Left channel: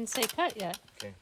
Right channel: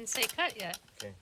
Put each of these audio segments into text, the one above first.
didn't say cut yet. Okay.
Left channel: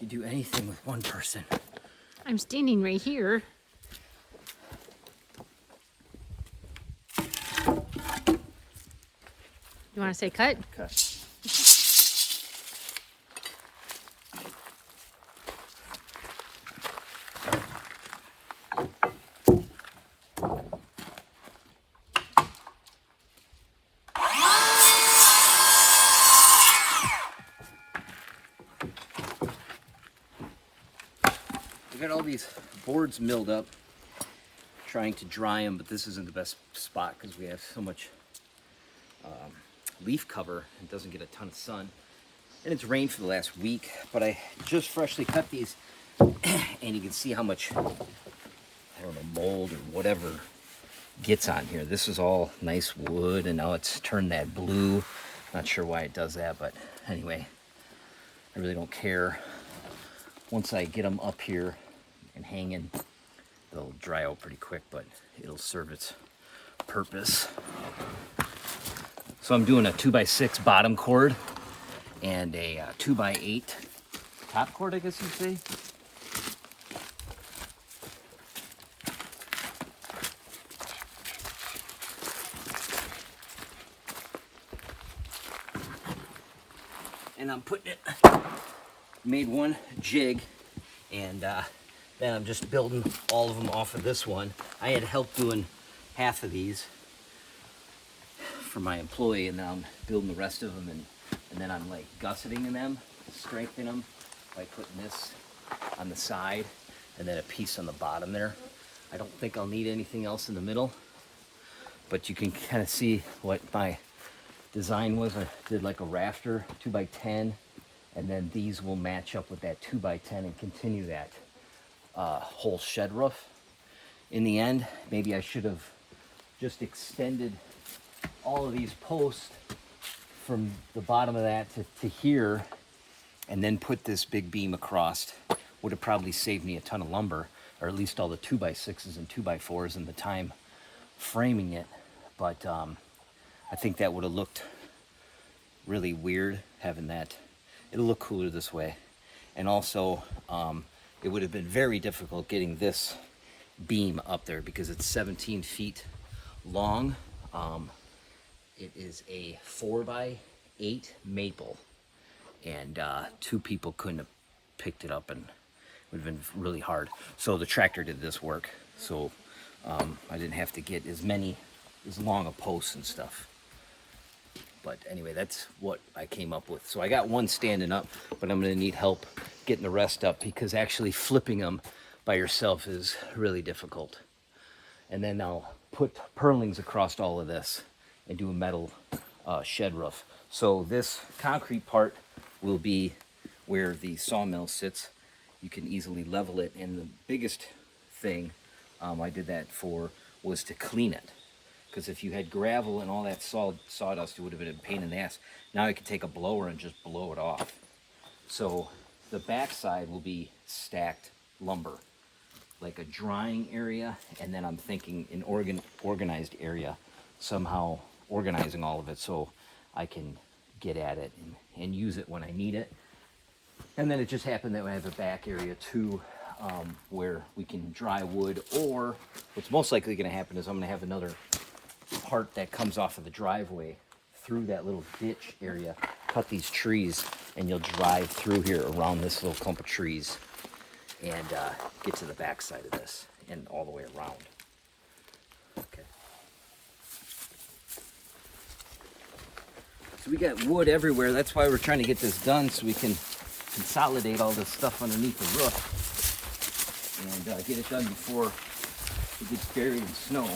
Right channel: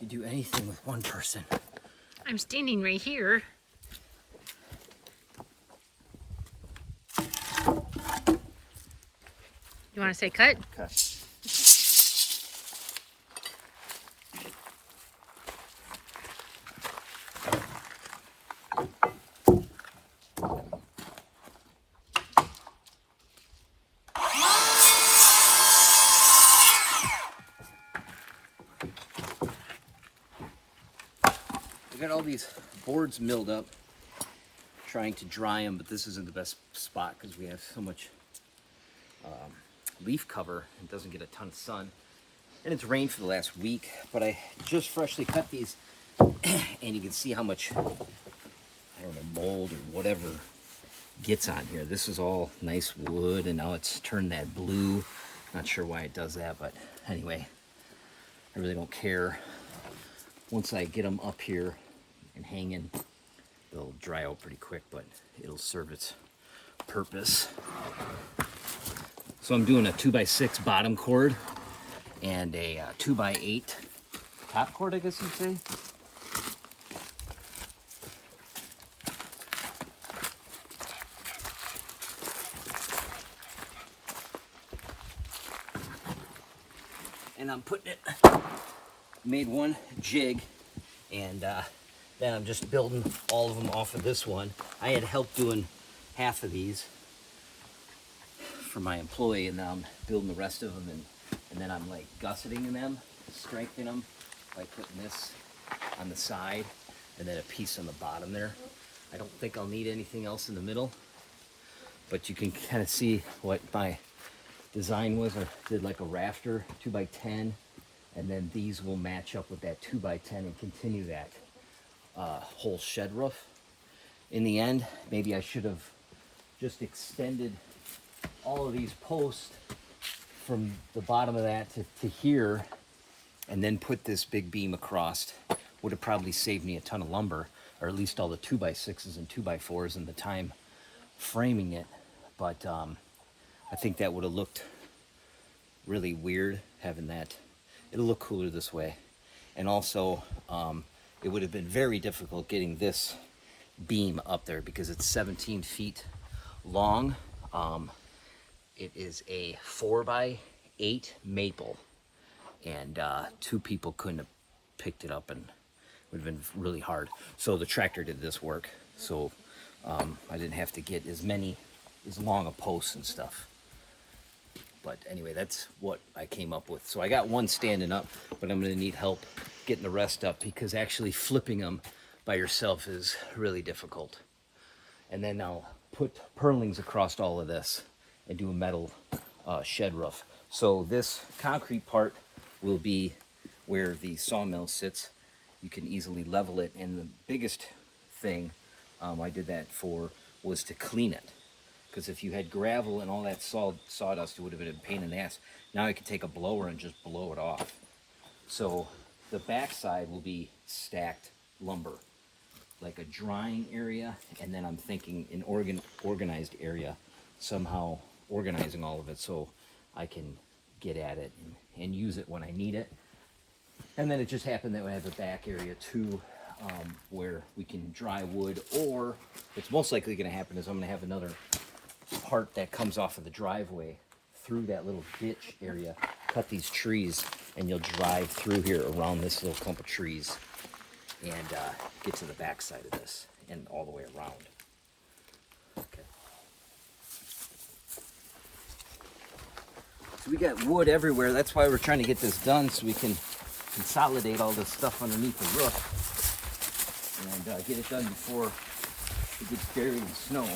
You do anything with one person. I'm standing right here. You want to say cut? Cut. We got all these boards milled up, trying to dry them, but this isn't the best spot because we have so much leaf cover and doesn't get a ton of sun. And it's rained for the last week, but I just freshly cut these, and you can see how much, I don't know, mold or whatever gets on here. This is all nice wood, and now it's turned that blue. Not sure why it does that, but anyway, I really don't care. Once I get them up here and hanging, they'll dry out pretty quick, but it'll serve its purpose. So I'm doing a 2x6 bottom cord and a 2x8 top cord, I guess you'd say. And I'm putting it, made one jig, and then I'm just building all of them off of this one. I had help doing half of these for my employee, and now I'm building the rest of them, and then I'm like gusseting them, strengthening them by putting this on the side and then a piece on the bottom there. I don't think I'll need anything else in the middle, but you can kind of see what my design was. I did like a rafter 2x10, and then these will match up with that 2x10 and continue that whole shed roof. In the end, maybe I should have just extended all of these posts from the bottom of that to here, and then put this big beam across. Would have probably saved me a ton of lumber, or at least all the 2x6s and 2x4s and the time framing it. But I think that would have looked really weird having that. It'll look cooler this way. And also, it would have been very difficult getting this beam up there because it's 17 feet long. It is a 4x8 maple, and 2 people couldn't have picked it up, and it would have been really hard. So the tractor did this work, so I didn't have to get as long a posts and stuff. But anyway, that's what I came up with. So I got one standing up, but I'm gonna need help getting the rest up because actually flipping them by yourself is really difficult. And then I'll put purlings across all of this and do a metal shed roof. So this concrete part will be where the sawmill sits. You can easily level it, and the biggest thing I did that for was to clean it. Because if you had gravel and all that sawdust, it would have been a pain in the ass. Now I could take a blower and just blow it off. So the backside will be stacked lumber, like a drying area, and then I'm thinking an organized area, somehow organizing all of it so I can get at it and use it when I need it. And then it just happened that we have a back area too, where we can dry wood, or what's most likely going to happen is I'm going to have another part that comes off of the driveway through that little ditch area, cut these trees, and you'll drive through here around this little clump of trees and get to the back side of this and all the way around. Okay. So we got wood everywhere. That's why we're trying to get this done so we can consolidate all this stuff underneath the roof and get it done before it gets buried in snow.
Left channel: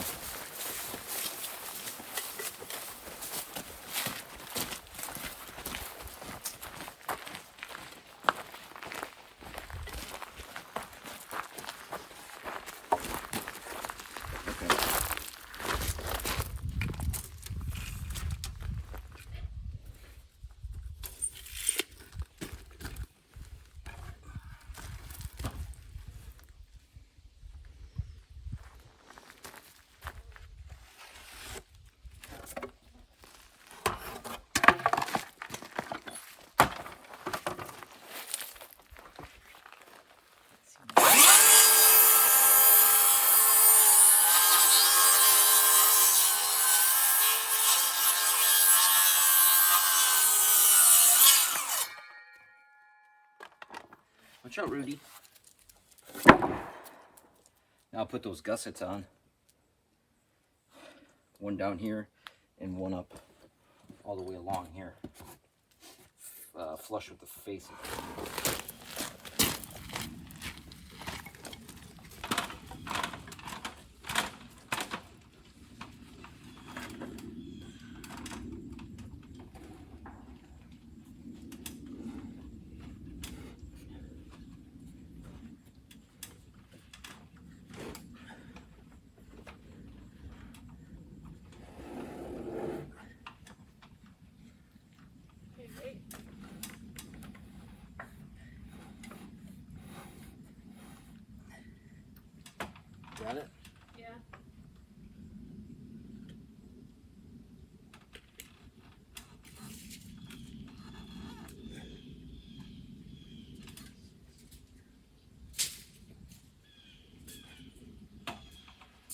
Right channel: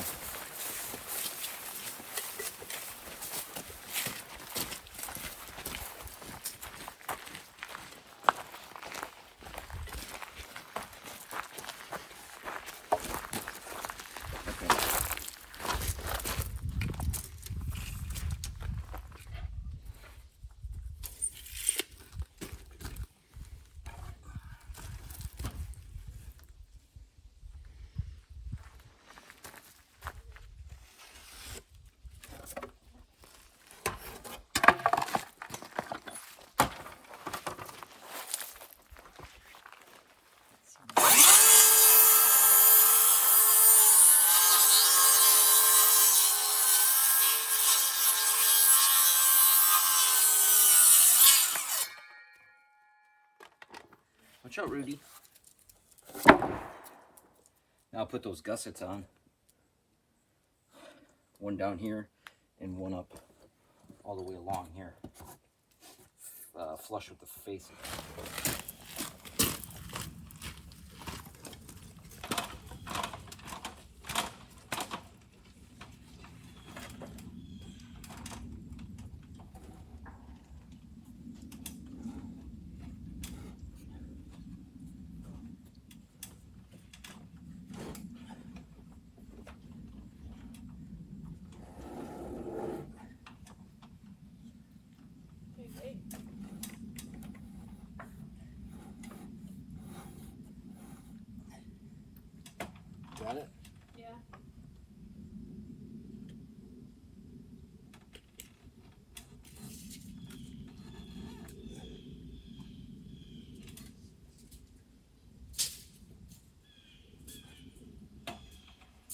Watch out, Rudy. Now I'll put those gussets on. One down here and one up all the way along here. Flush with the face of it. Got it? Yeah.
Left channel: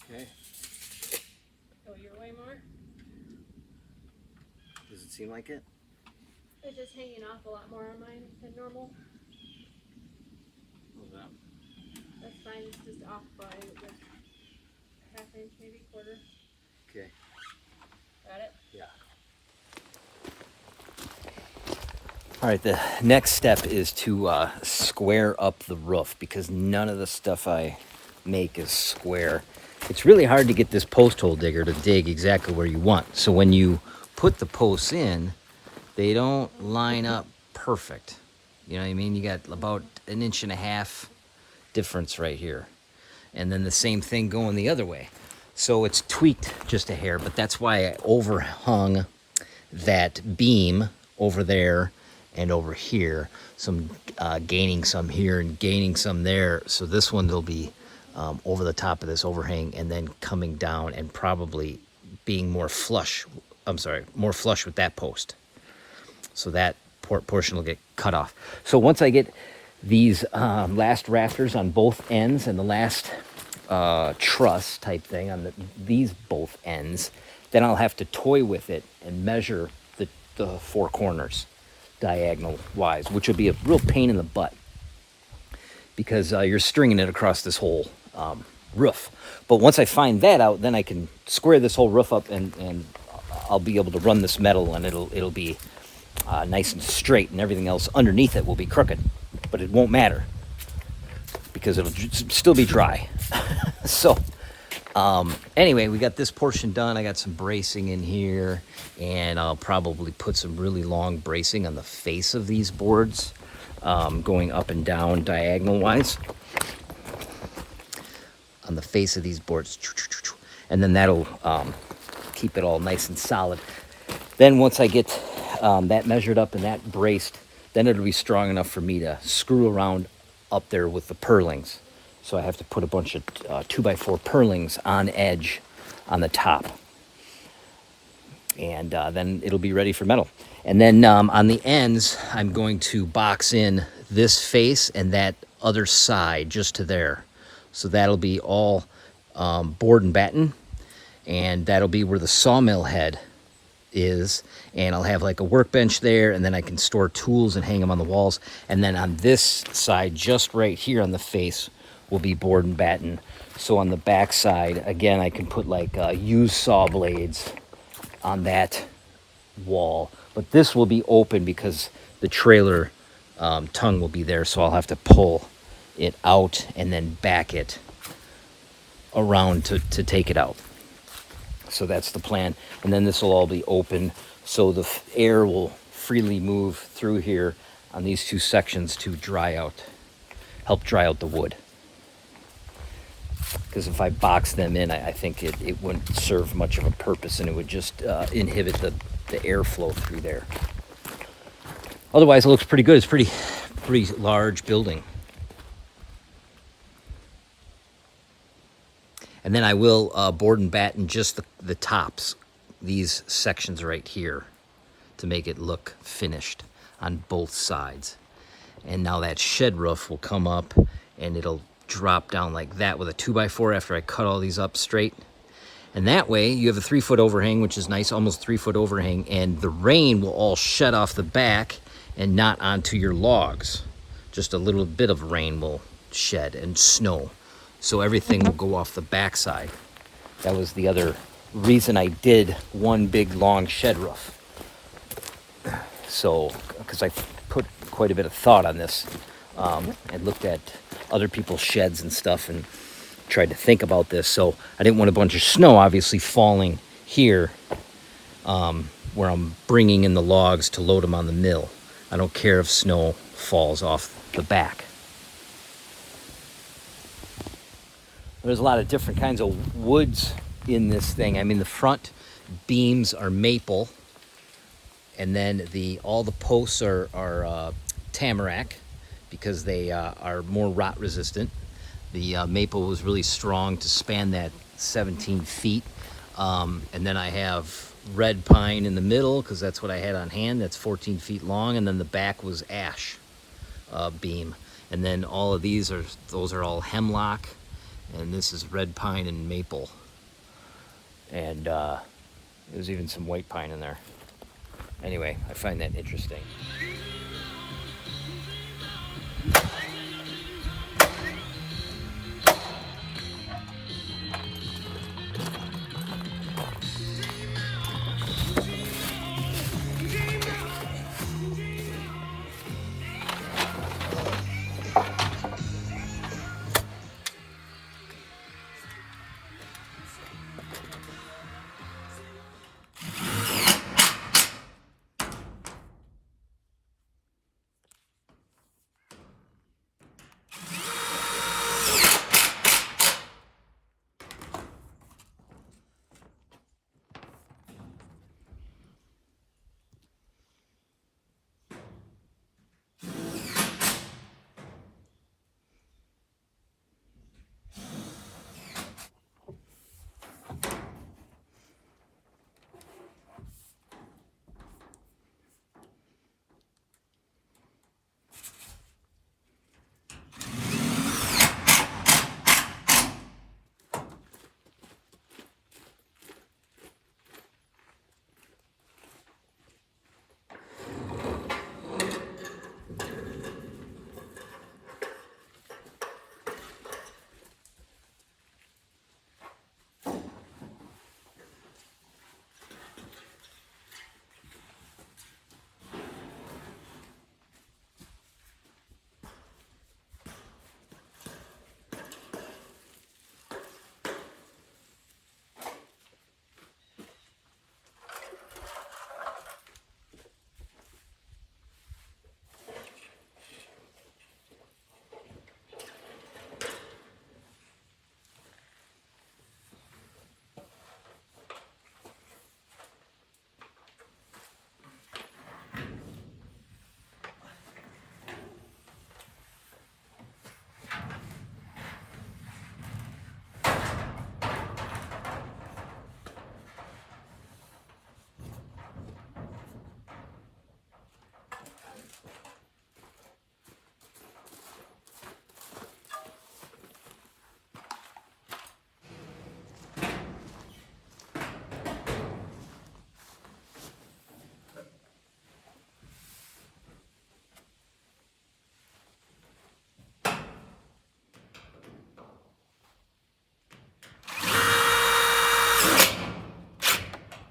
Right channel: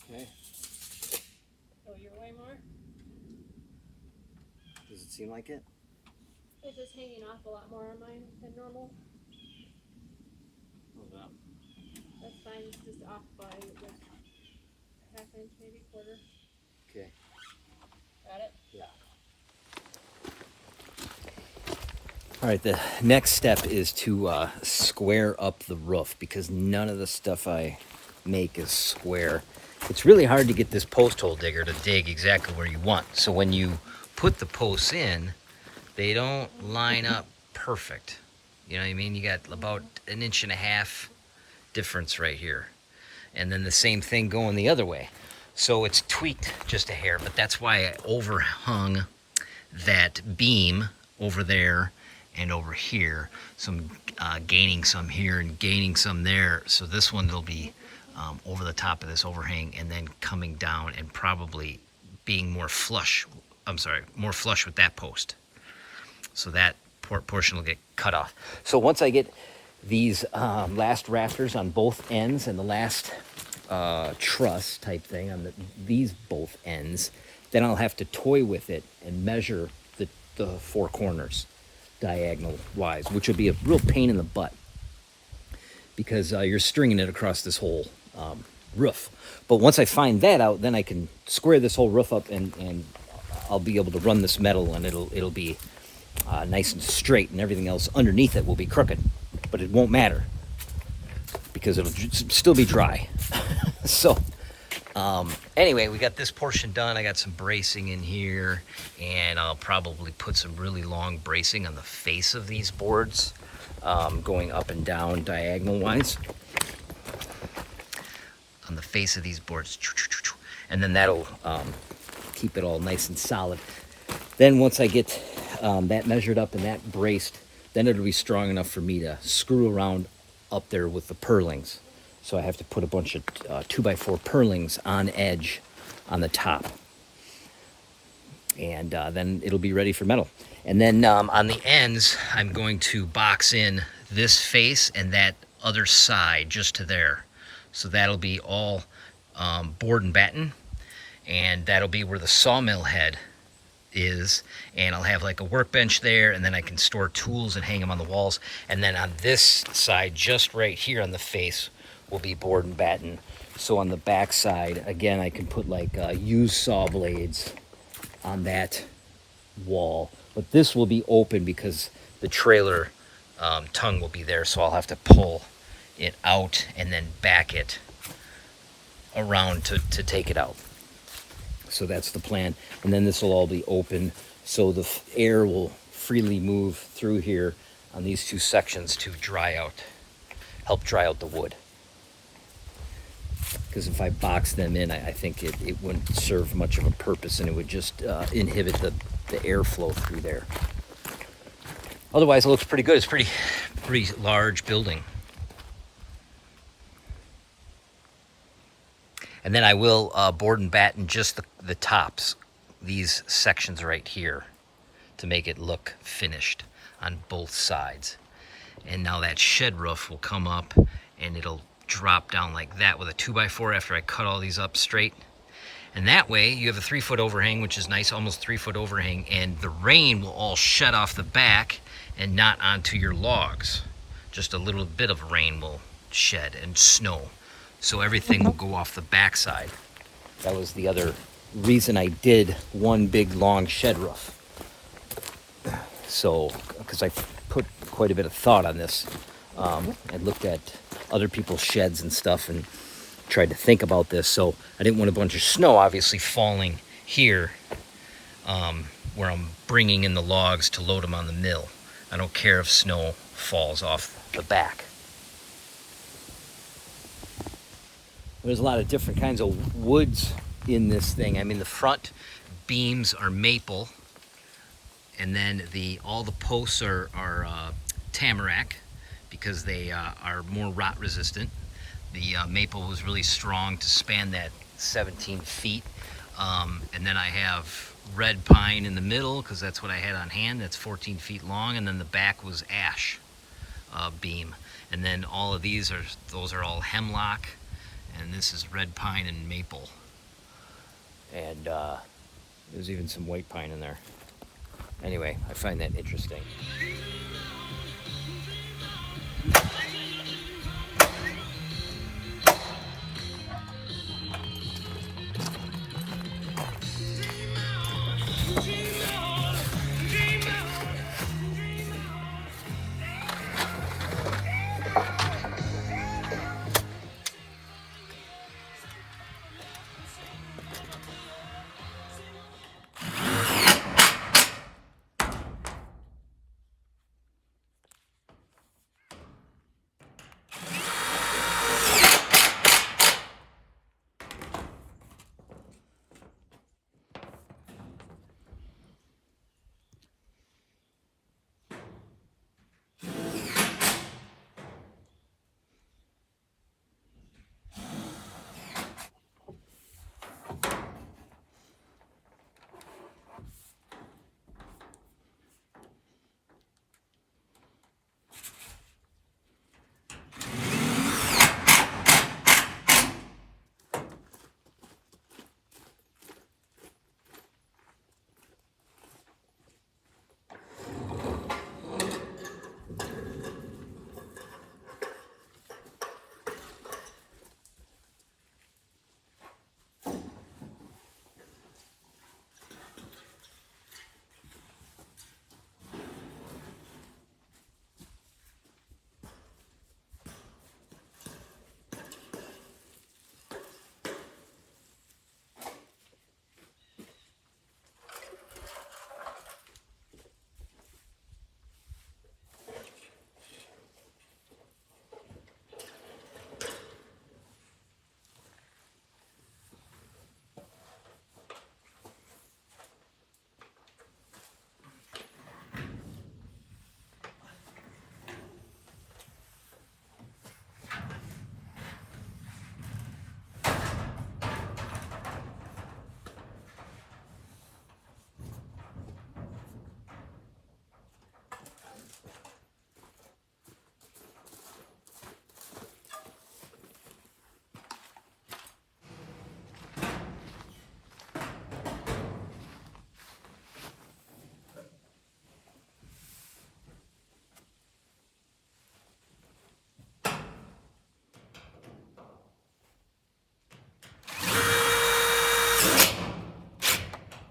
Okay. Go your way more. Does it seem like it? It's just hanging off a lot more on mine than normal. How's that? That's fine. It's just off by like half inch, maybe quarter. Okay. Got it? Yeah. All right, the next step is to square up the roof because none of the stuff I make is square. It's really hard to get this post hole digger to dig exactly where you want. So when you put the posts in, they don't line up perfect. You know what I mean? You got about 1.5 inches difference right here. And then the same thing going the other way. So it's tweaked just a hair, but that's why I overhung that beam over there and over here. So I'm gaining some here and gaining some there. So this one will be over the top of this overhang and then coming down and probably being more flush. More flush with that post. So that portion will get cut off. So once I get these last rafters on both ends and the last truss type thing on these both ends, then I'll have to toy with it and measure the four corners diagonal wise, which will be a real pain in the butt because you're stringing it across this whole roof. But once I find that out, then I can square this whole roof up and I'll be able to run this metal and it'll be nice and straight, and everything else underneath it will be crooked, but it won't matter because it'll still be dry. So anyway, we got this portion done. I got some bracing in here, and I'll probably put some really long bracing on the face of these boards, going up and down diagonal wise on the face of these boards, and then that'll keep it all nice and solid. Then once I get that measured up and that braced, then it'll be strong enough for me to screw around up there with the purlings. So I have to put a bunch of 2x4 purlings on edge on the top. And then it'll be ready for metal. And then on the ends, I'm going to box in this face and that other side just to there. So that'll be all board and batten. And that'll be where the sawmill head is, and I'll have like a workbench there, and then I can store tools and hang them on the walls. And then on this side, just right here on the face, will be board and batten. So on the back side, again, I can put like used saw blades on that wall, But this will be open because the trailer tongue will be there, so I'll have to pull it out and then back it around to take it out. So that's the plan. And then this will all be open, so the air will freely move through here on these two sections to help dry out the wood. Because if I box them in, I think it wouldn't serve much of a purpose, and it would just inhibit the airflow through there. Otherwise, it looks pretty good. It's pretty large building. And then I will board and batten just the tops, these sections right here, to make it look finished on both sides. And now that shed roof will come up and it'll drop down like that with a 2x4 after I cut all these up straight. And that way you have a 3-foot overhang, which is nice, almost 3-foot overhang, and the rain will all shed off the back and not onto your logs. Just a little bit of rain will shed, and snow. So everything will go off the backside. That was the other reason I did one big long shed roof. So, because I put quite a bit of thought on this. I looked at other people's sheds and stuff and tried to think about this. So I didn't want a bunch of snow obviously falling here where I'm bringing in the logs to load them on the mill. I don't care if snow falls off the back. There's a lot of different kinds of woods in this thing. I mean, the front beams are maple, and then all the posts are tamarack because they are more rot resistant. The maple was really strong to span that 17 feet. And then I have red pine in the middle because that's what I had on hand. That's 14 feet long, and then the back was ash beam. And then all of those are all hemlock. And this is red pine and maple. And there's even some white pine in there. Anyway, I find that interesting.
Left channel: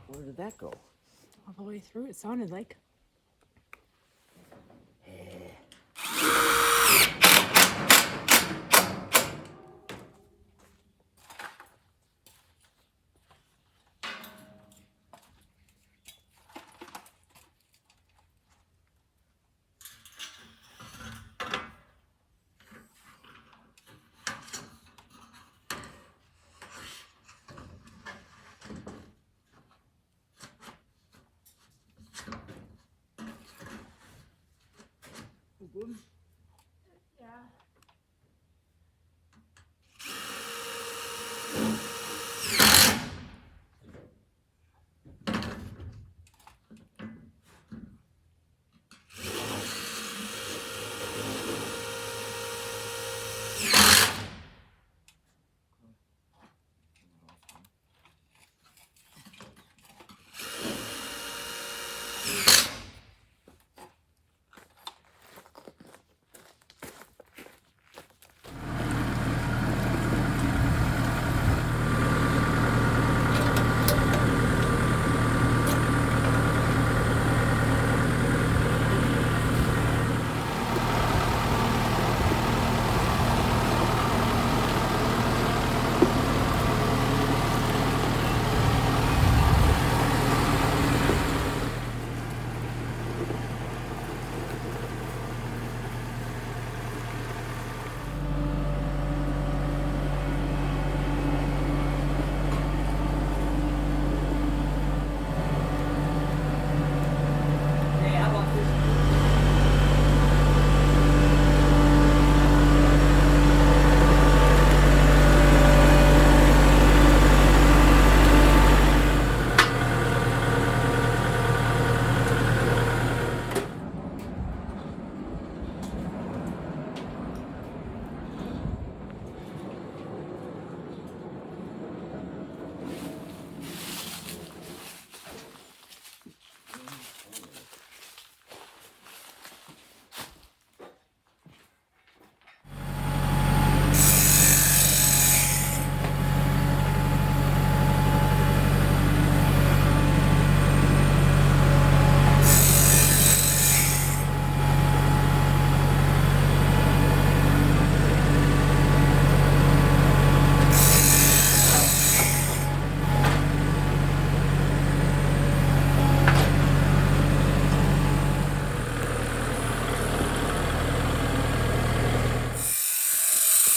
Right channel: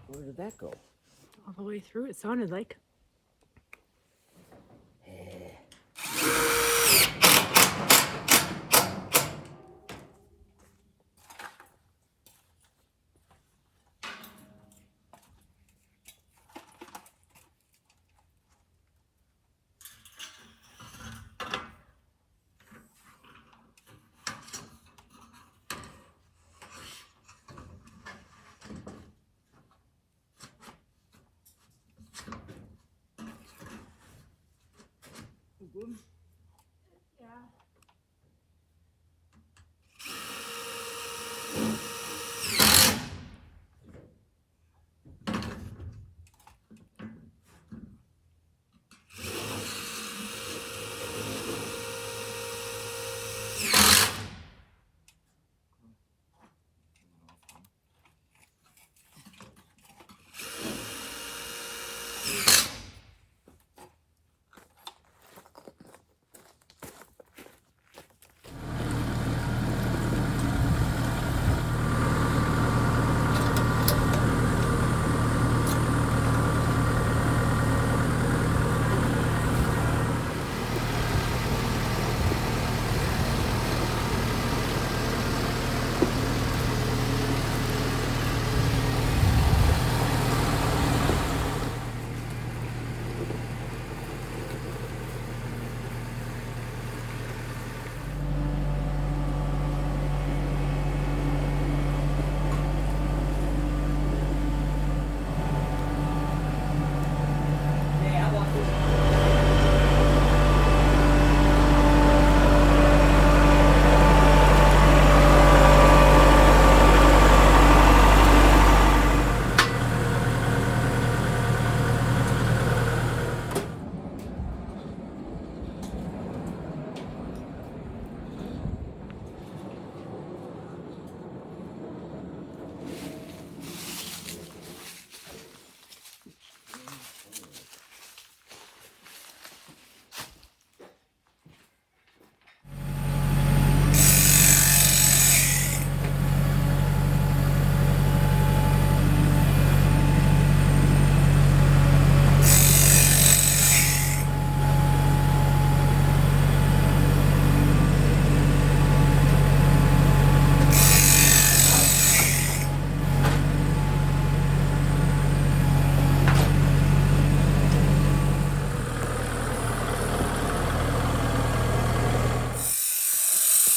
Where did that go? all the way through, it sounded like. Good. Yeah.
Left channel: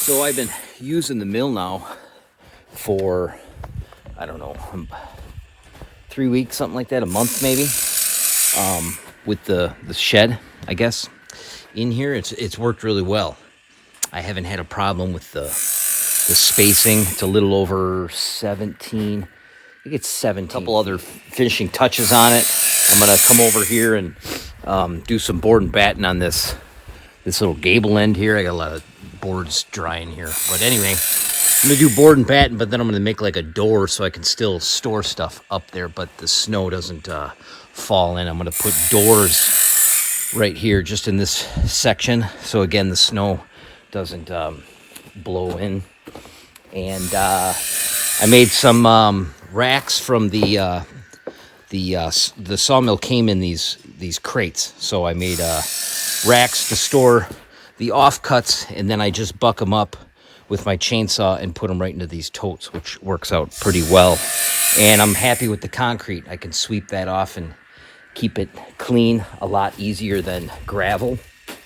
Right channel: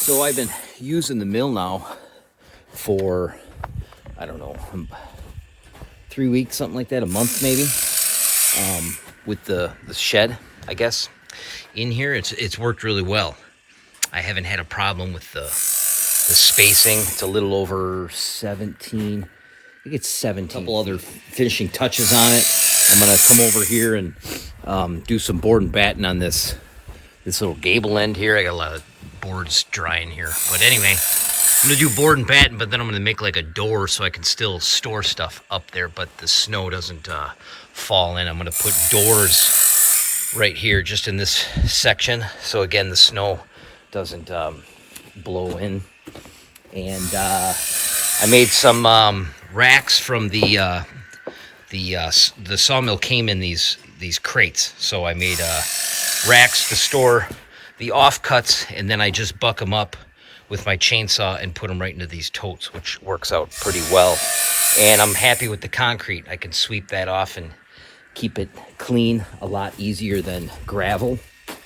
So I've been using the mill now for, I don't know, 3 weeks, something like that, a month maybe, with the shed, I guess. In here, it's worked really well. I haven't had a problem with the spacing. It's a little over 17. I think it's 17. A couple other finishing touches on it. I'm gonna come over here and do some board and batten on this little gable end here. I got a lot of boards drying here. But anyway, I'm gonna do board and batten, but then I'm gonna make like a door so I can still store stuff up there, but the snow doesn't fall in. I'm gonna put doors right here, just in this section, so again the snow doesn't blow in. And I made some racks from the sawmill. Came in these crates, so I made racks to store the offcuts, and then I just buck them up with my chainsaw and put them right into these totes, which works out pretty well. And I'm happy with the concrete. I can sweep that off and keep it clean a lot easier than gravel.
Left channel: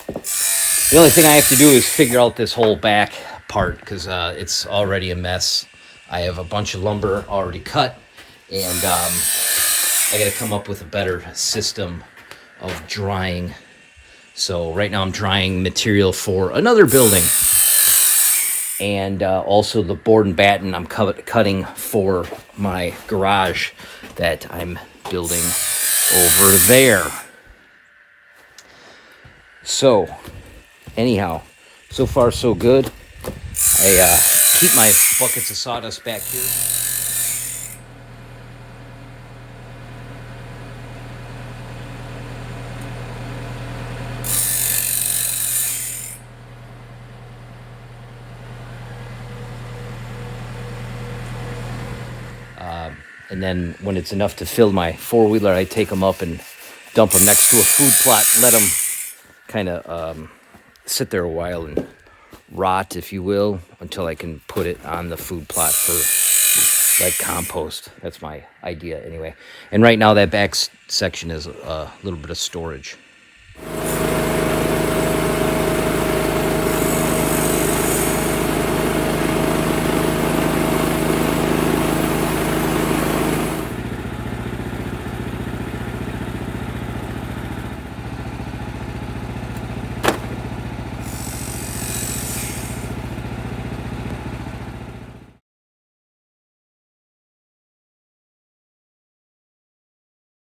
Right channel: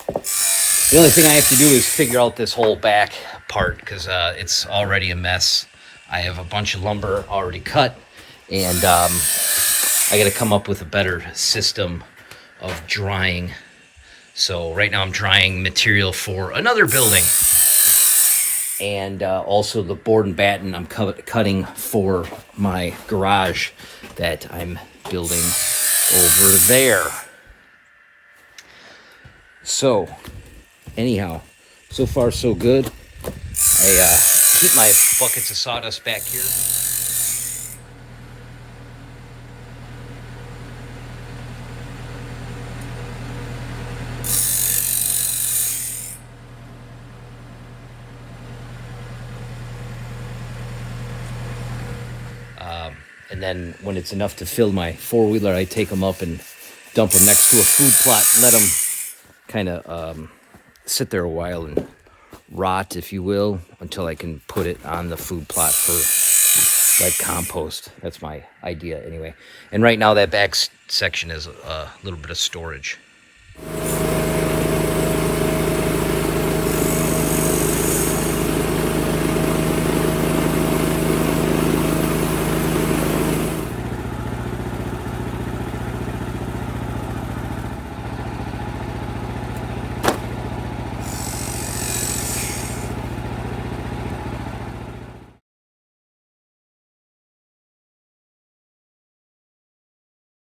The only thing I have to do is figure out this whole back part, because it's already a mess. I have a bunch of lumber already cut, and I got to come up with a better system of drying. So right now I'm drying material for another building, and also the board and batten I'm cutting for my garage that I'm building over there. So anyhow, so far so good. I keep my buckets of sawdust back here. And then when it's enough to fill my four-wheeler, I take them up and dump them next to a food plot. Let them kind of sit there a while and rot, if you will, until I can put it on the food plot for like compost. That's my idea anyway. And right now that back section is a little bit of storage.